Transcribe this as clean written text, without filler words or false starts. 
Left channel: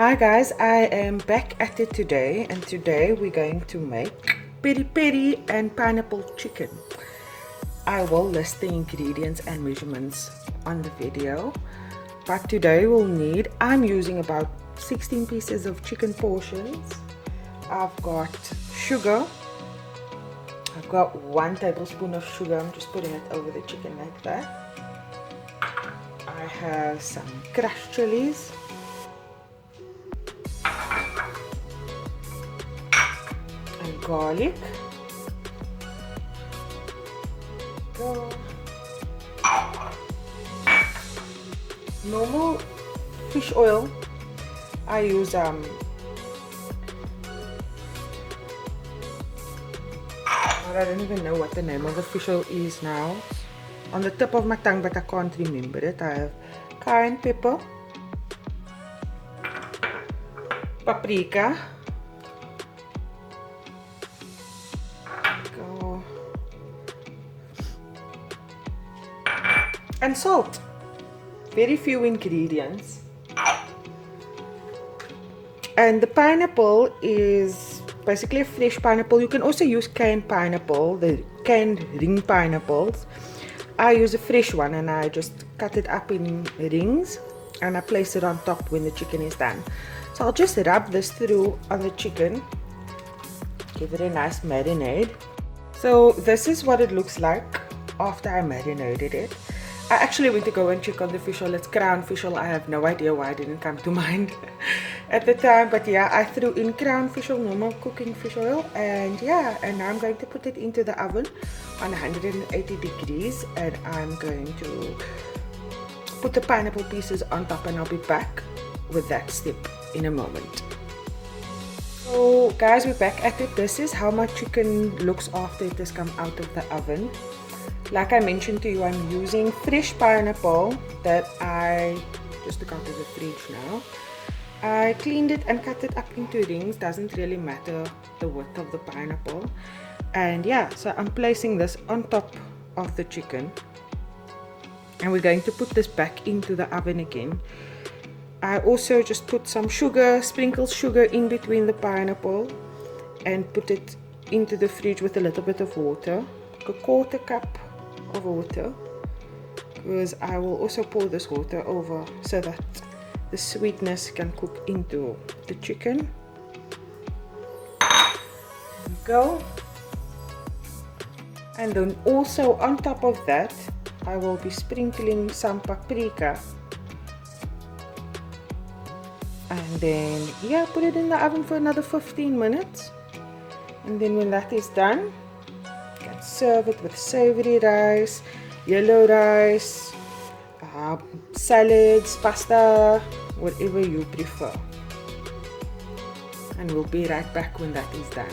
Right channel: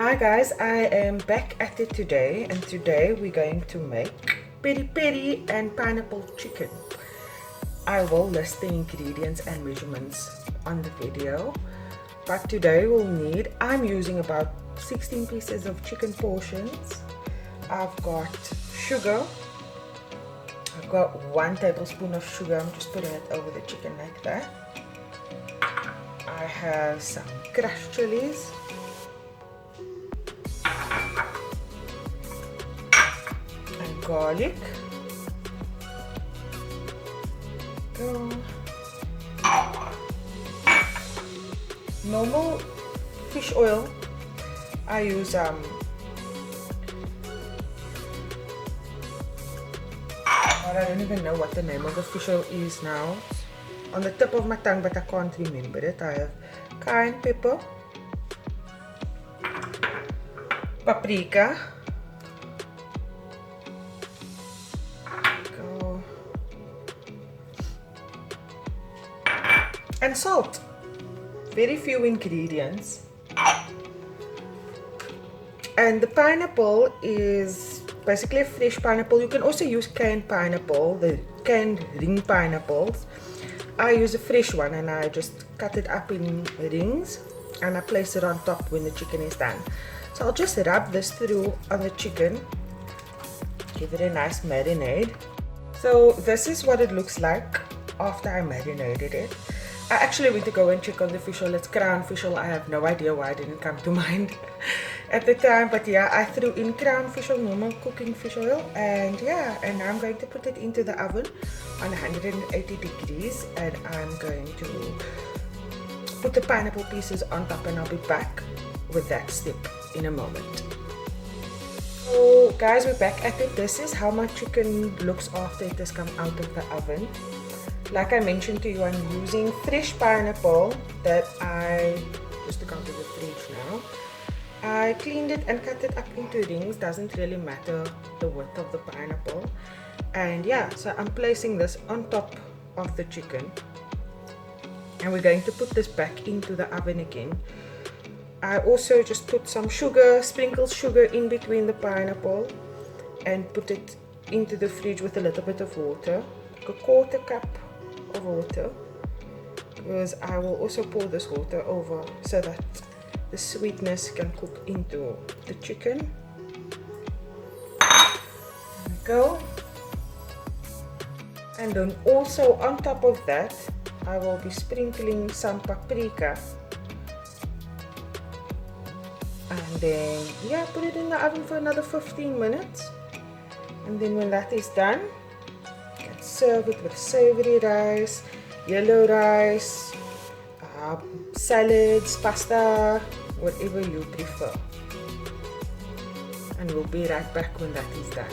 Hi guys, I am back at it today, and today we're going to make peri peri and pineapple chicken. I will list the ingredients and measurements on the video, but today I'm using about 16 pieces of chicken portions. I've got sugar. I've got 1 tablespoon of sugar. I'm just putting it over the chicken like that. I have some crushed chilies. And garlic. Go. Normal fish oil. I use I don't even know what the name of the fish oil is now. On the tip of my tongue, but I can't remember it. I have cayenne pepper, paprika, and salt. Very few ingredients. And the pineapple is basically a fresh pineapple. You can also use canned pineapple, the canned ring pineapples. I use a fresh one and I just cut it up in rings and I place it on top when the chicken is done. So I'll just rub this through on the chicken, give it a nice marinade. So this is what it looks like after I marinated it. I actually went to go and check on the fish oil. It's crown fish oil. I have no idea why it didn't come to mind at the time. But yeah, I threw in crown fish oil, normal cooking fish oil. And yeah, and now I'm going to put it into the oven on 180 degrees. And I'm going to put the pineapple pieces on top, and I'll be back with that step in a moment. So guys, we're back at it. This is how my chicken looks after it has come out of the oven. Like I mentioned to you, I'm using fresh pineapple that I just took out of the fridge now. I cleaned it and cut it up into rings. Doesn't really matter the width of the pineapple. And yeah, so I'm placing this on top of the chicken. And we're going to put this back into the oven again. I also just put some sugar, sprinkled sugar in between the pineapple, and put it into the fridge with a little bit of water, like a 1/4 cup of water, because I will also pour this water over so that the sweetness can cook into the chicken. There we go. And then also on top of that, I will be sprinkling some paprika. And then yeah, put it in the oven for another 15 minutes. And then when that is done, serve it with savory rice, yellow rice, salads, pasta, whatever you prefer. And we'll be right back when that is done.